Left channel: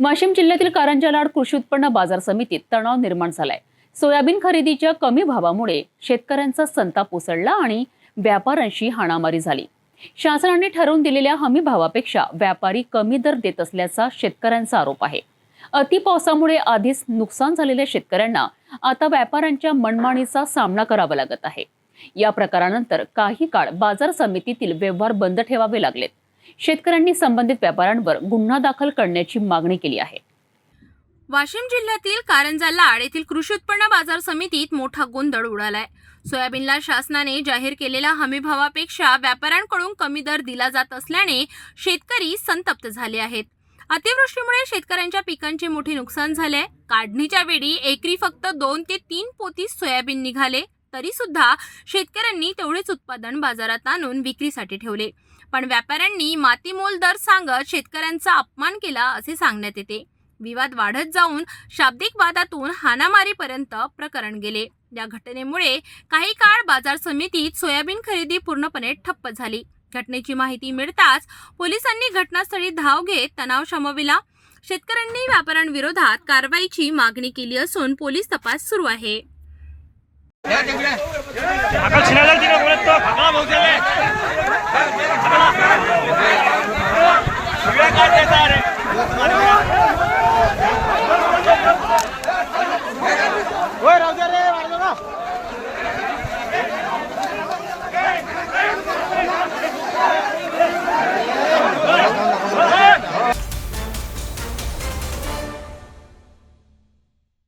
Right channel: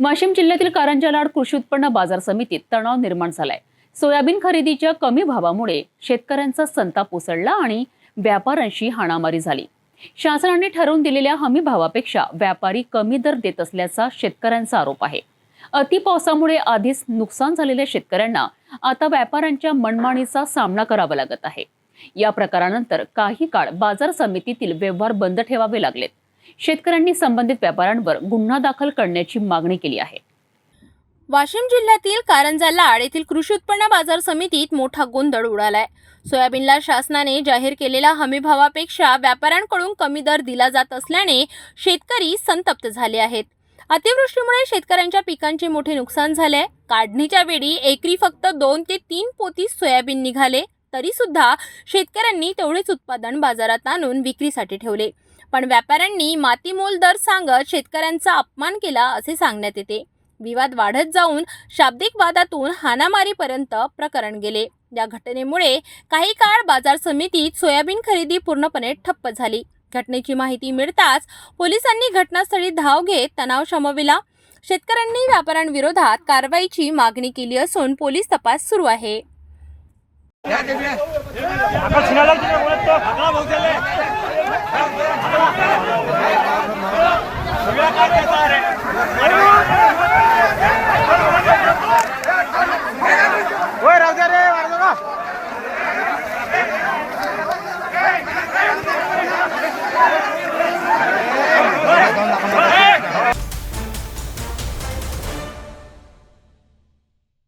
वाशिम जिल्ह्यातील कारंजा लाड कृषी उत्पन्न बाजार समितीत तणाव निर्माण झालाय. सोयाबीन खरेदीच्या कमी भावामुळे शेतकऱ्यांचा संताप उसळला आणि व्यापाऱ्यांशी हाणामारी झाली. शासनाने ठरवून दिलेल्या हमी भावापेक्षा व्यापारी कमी दर देत असल्याचा शेतकऱ्यांचा आरोप आहे. अति पावसामुळे आधीच नुकसान झालेल्या शेतकऱ्यांना आता व्यापाऱ्यांच्या मनमानीचा सामना करावा लागत आहे. या प्रकारानंतर काही काळ बाजार समितीतील व्यवहार बंद ठेवावे लागलेत. शेतकऱ्यांनी संबंधित व्यापाऱ्यांवर गुन्हा दाखल करण्याची मागणी केली आहे. वाशिम जिल्ह्यातील कारंजा लाड येथील कृषी उत्पन्न बाजार समितीत मोठा गोंधळ उडालाय. सोयाबीनला शासनाने जाहीर केलेल्या हमीभावापेक्षा व्यापाऱ्यांकडून कमी दर दिला जात असल्याने शेतकरी संतप्त झाले आहेत. अतिवृष्टीमुळे शेतकऱ्यांच्या पिकांचे मोठे नुकसान झाले काढणीच्या वेळी एकरी फक्त दोन ते तीन पोती सोयाबीन निघाले. तरीसुद्धा शेतकऱ्यांनी तेवढेच उत्पादन बाजारात आणून विक्रीसाठी ठेवले. पण व्यापाऱ्यांनी मातीमोल दर सांगत शेतकऱ्यांचा अपमान केला असे सांगण्यात येते. विवाद वाढत जाऊन शाब्दिक वादातून हाणामारीपर्यंत प्रकरण गेले. या घटनेमुळे काही काळ बाजार समितीत सोयाबीन खरेदी पूर्णपणे ठप्प झाली. घटनेची माहिती मिळताच पोलिसांनी घटनास्थळी धाव घेत तणाव शमविला. शेतकऱ्यांनी व्यापाऱ्यांविरोधात कारवाईची मागणी केली असून पोलीस तपास सुरू आहे. আকাল সিনা লাগছে না। বলেন তো আকাল বলছে সুবিধা ওই রাজা রে মারো